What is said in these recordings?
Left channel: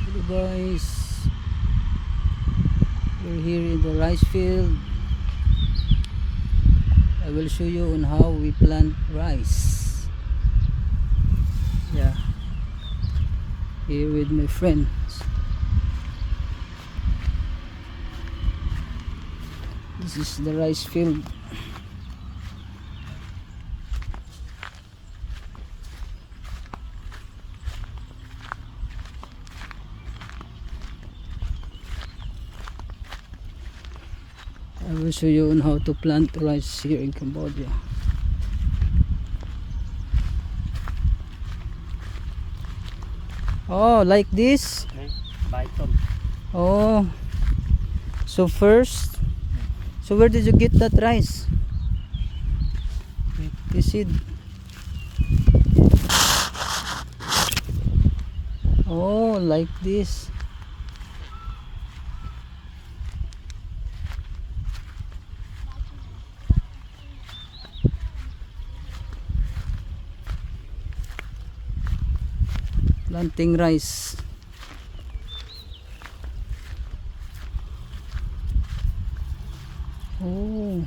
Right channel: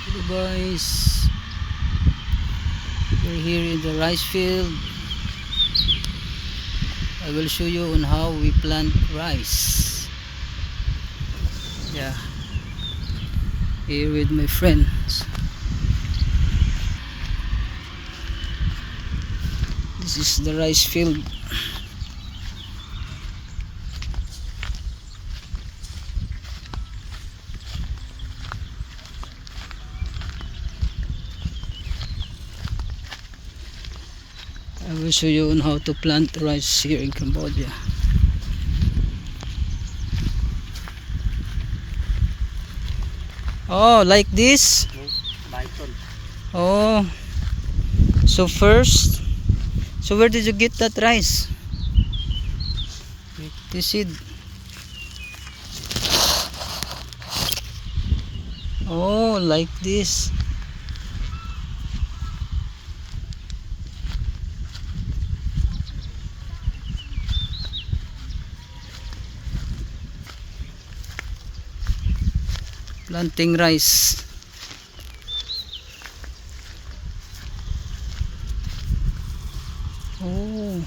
Hello guys, we're here in the rice field. I will show you on how we plant rice. Yeah, here with my friends. This is the rice field. I will show you on how to plant rice here in Cambodia. Oh, like this? Oh, so first, so where did you get that rice? You see? Oh, like this. Planting rice. Oh,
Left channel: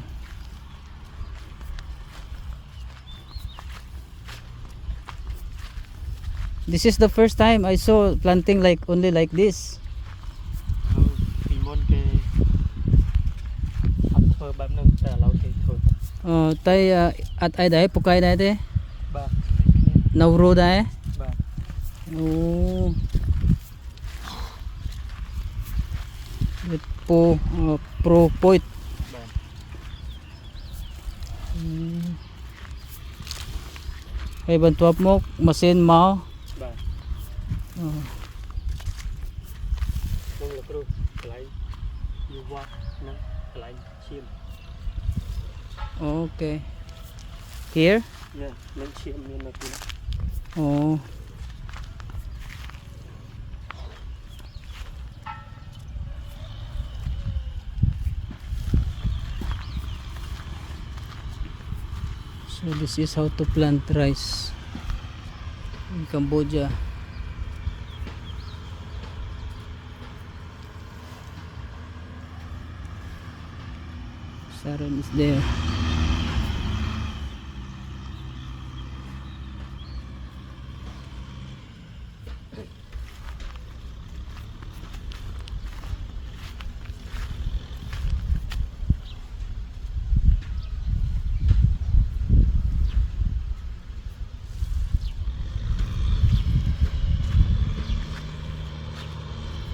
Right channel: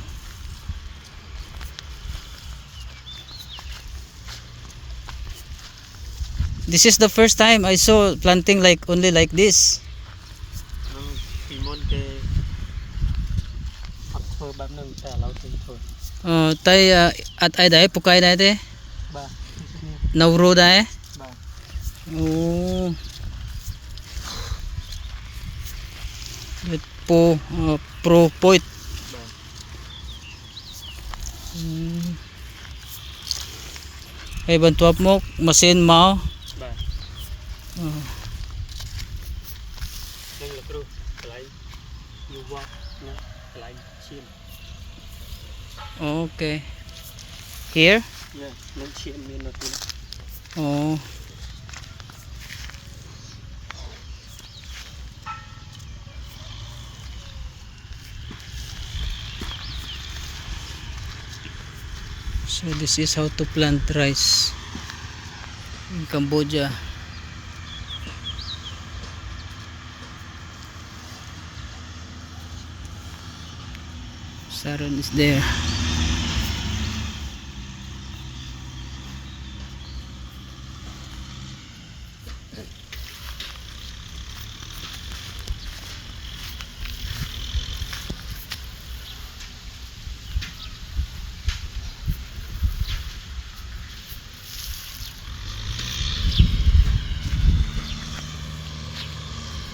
this is the first time I saw planting like only like this. Tay at ai đấy, pukay đấy thế. Nauro đấy. Oh, it po pro point. Ay bantuap mo masin mo. Okay. Here? Oh. So this is how to plant rice in Cambodia. Saron is there.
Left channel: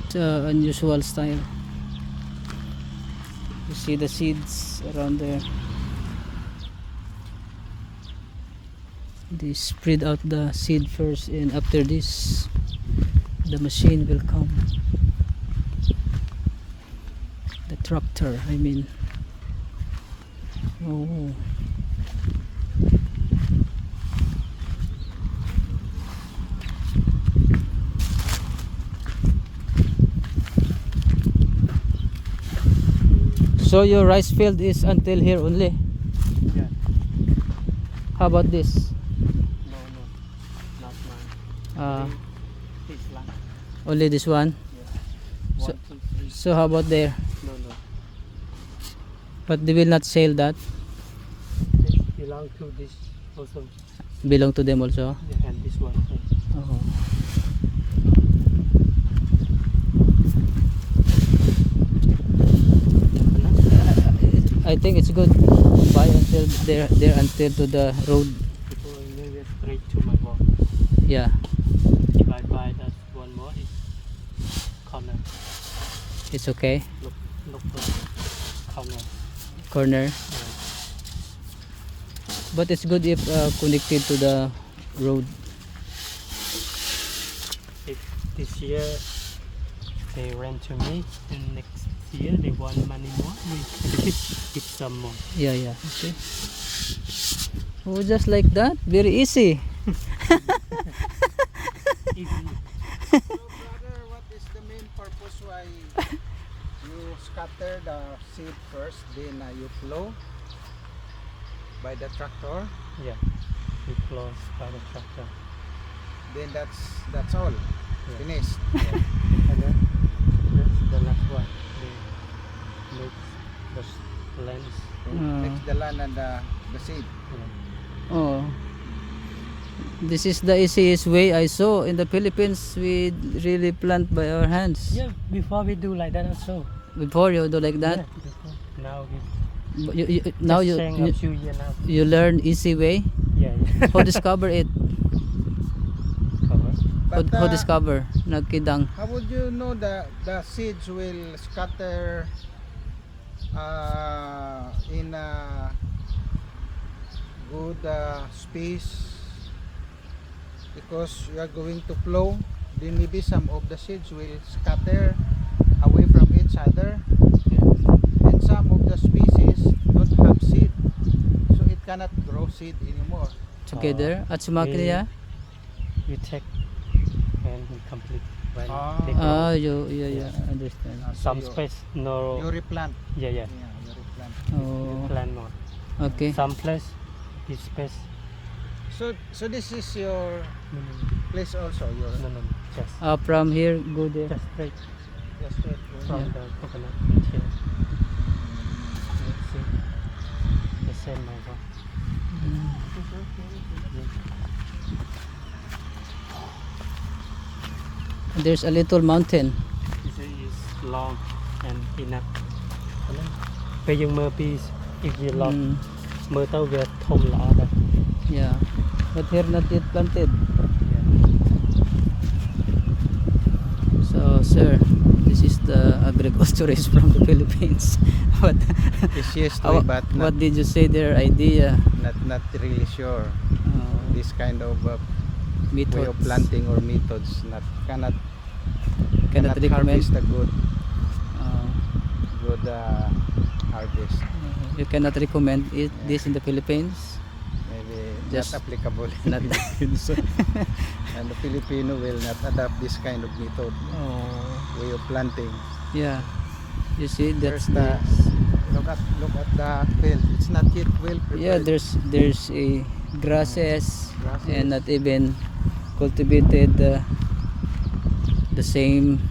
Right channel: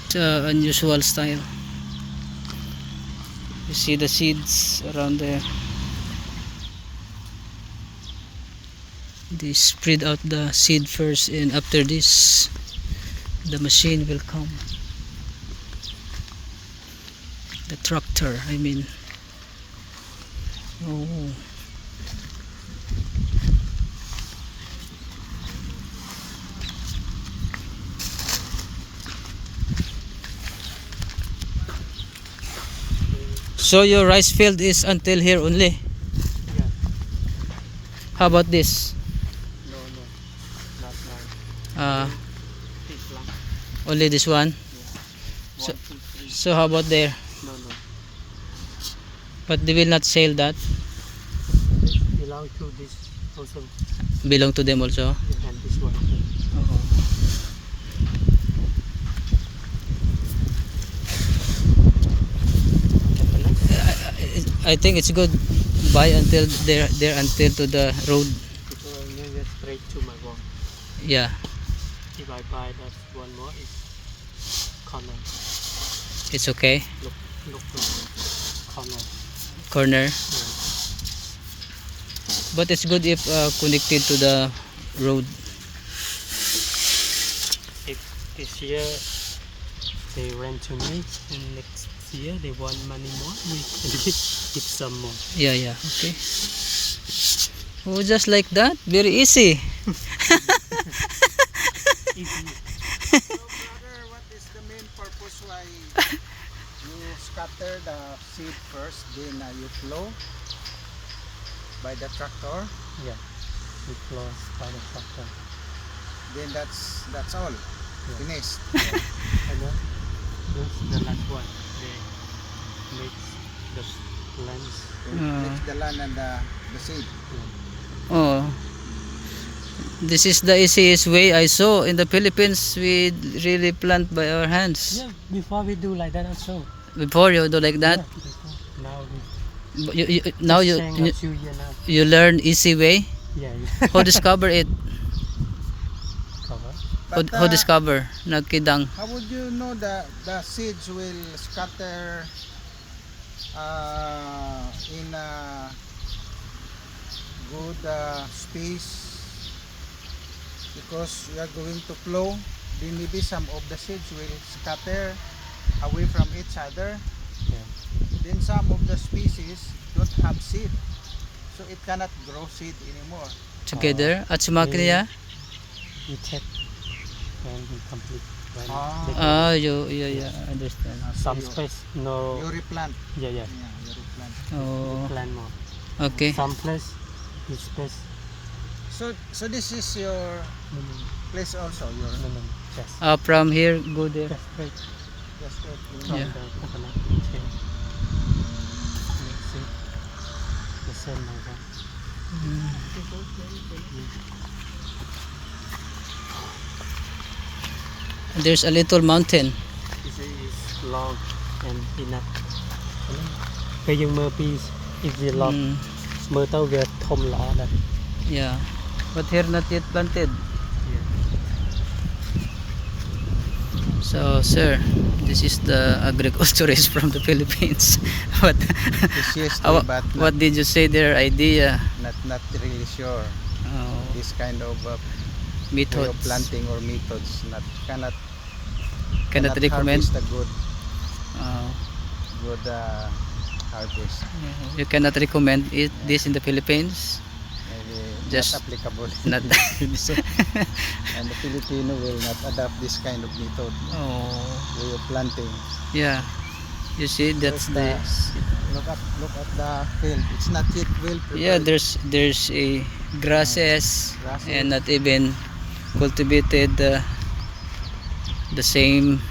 It's an unusual style. You see the seeds around there. They spread out the seed first, and after this the machine will come. The tractor, I mean. Oh. So your rice field is until here only? Yeah. How about this? No, not nine. This lang. Only this one? Yeah. So, 1, 2, 3. so how about there? No. But they will not sell that? This belong to this also. Belong to them also? Yeah, and this one. Oh. I think it's good. Buy until there until to the road. People only straight to my wall. Yeah, If I buy that one more, it's corner. it's okay. Look for corner. Corner. Yeah. But it's good if connected to the road. If this year they rent to me, and next year they want money more, we can give some more. Yeah, okay. Oh, just like that? Very easy. Easy. So brother, what is the main purpose why you scatter the seed first, then you plow by the tractor, Yeah, we close by the tractor. then that's all. Finished. And then that's the last one. They mix the lens. Mix the land and the seed. Oh. This is the easiest way I saw. In the Philippines, we really plant by our hands. Yeah, before we do like that also. Before you do like that, Yeah, before. Now we but now just saying a few years now. you learn easy way. Yeah, yeah. Who discover it? Cover. Who discover? Nagkidang. How would you know the seeds will scatter in a good space? Because you are going to plow, then maybe some of the seeds will scatter away from each other, and some of the species don't have seed, so it cannot grow seed anymore. Together at sumakriya. You check and we complete when Ah. they grow. Yeah, understand. Some you, space no. you replant. Yeah, yeah. Yeah, you replant. Oh, Plant more. okay. Some place is space. So this is your No, place also. Your no, just From here, go there. just straight yes, from Yeah. the coconut here. Let's see. The same my one. There's a little mountain. This is long and enough. Bây giờ mơ piece is the long. Mm, Mơ tao về thom lá đây. yeah. But here not yet planted. Yeah. So, sir, this is the agriculturist from the Philippines. what, it's but what did you say their idea? not really sure. This kind of way of Methods. planting or methods cannot recommend. harvest a good Uh, harvest. you cannot recommend this in the Philippines. Maybe Just not applicable. not. And the Filipino will not adopt this kind of method, Oh, way of planting. yeah. You see, that's There's the. look at the field. It's not yet well prepared. Yeah, there's a grasses Grasses. and not even cultivated the same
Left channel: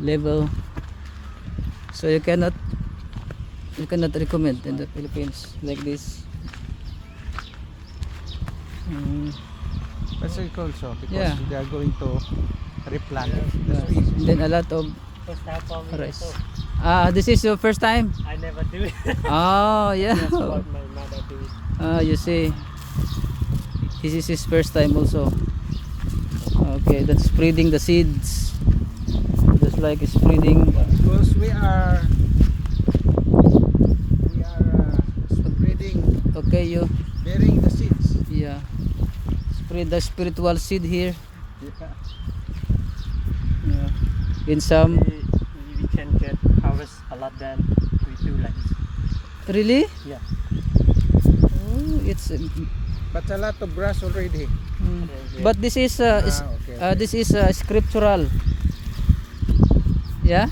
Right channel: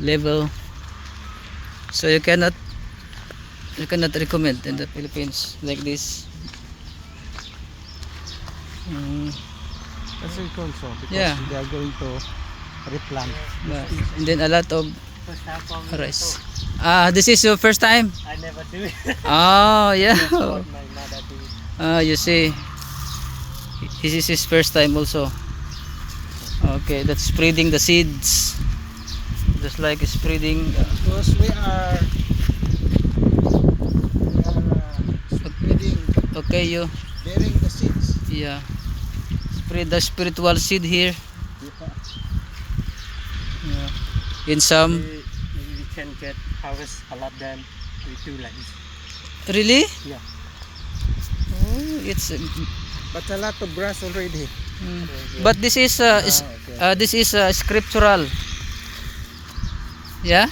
level. So you cannot recommend in the Philippines like this. That's it also because Yeah. they are going to replant. And then a lot of First half of rice. This is your first time? I never do it. Oh, yeah. That's what my mother do. You see, this is his first time also. Okay, that's spreading the seeds, just like spreading. Because we are spreading, Okay, you, bearing the seeds. yeah, spread the spiritual seed here. Yeah. In some, We can get harvest a lot than we do like this. really? Yeah. Oh, it's. But a lot of grass already. But this is Okay. this is scriptural. Yeah.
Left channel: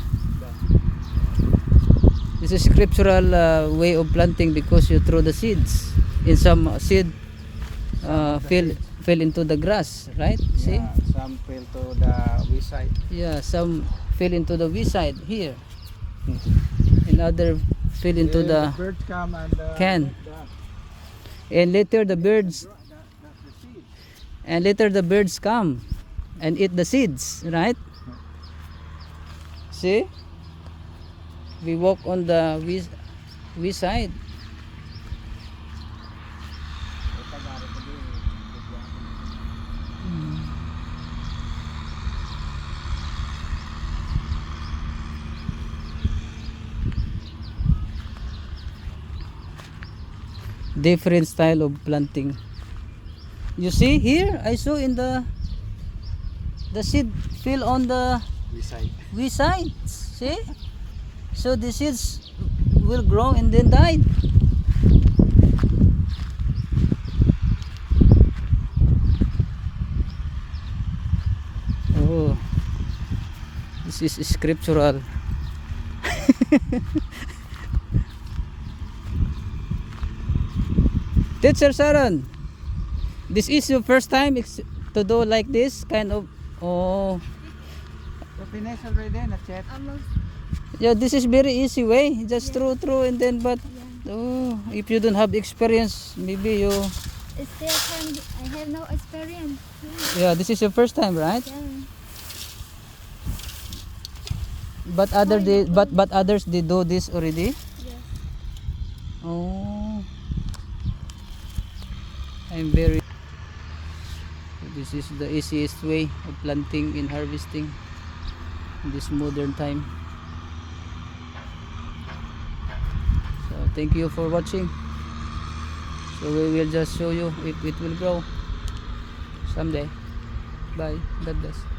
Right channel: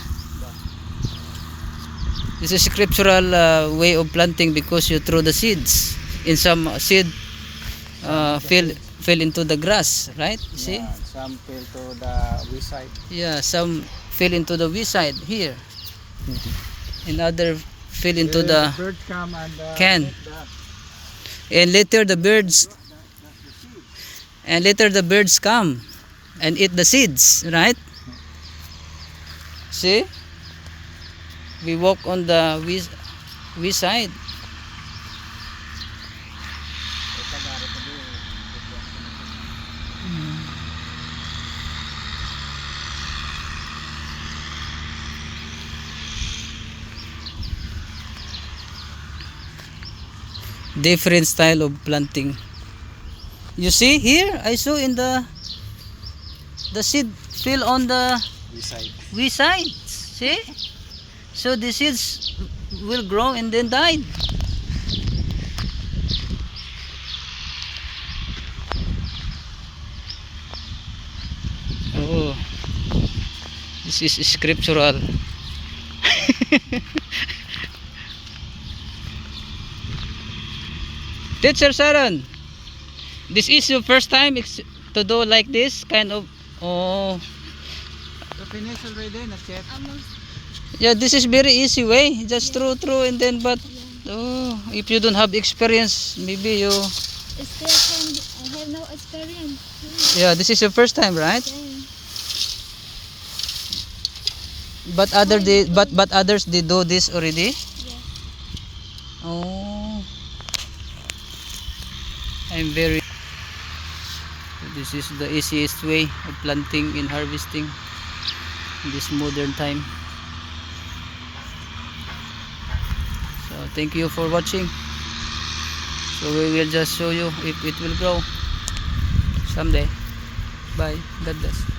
This is scriptural way of planting because you throw the seeds. In some seed fell into the grass, right? See? Yeah, some fell to the wayside. Yeah, some fell into the wayside here, and other fell into the bird come and can. eat And later the birds come and eat the seeds, right? See? We walk on the wayside. Different style of planting. You see here, I saw in the seed fell on the wayside. wayside. See? So the seeds will grow and then die. Oh, this is scriptural. Teacher Sharon, this is your first time to do like this kind of Oh, You finish already? Not yet. Almost. yeah, this is very easy way. Just throw, and then, but, Yeah. oh, if you don't have experience, maybe you, Still can. I have no experience. yeah, this is your first time, right? Yeah. But others did do this already. Yeah. Oh, I'm very. This is the easiest way of planting and harvesting in this modern time. So thank you for watching. So we will just show you if it will grow someday. Bye. God bless.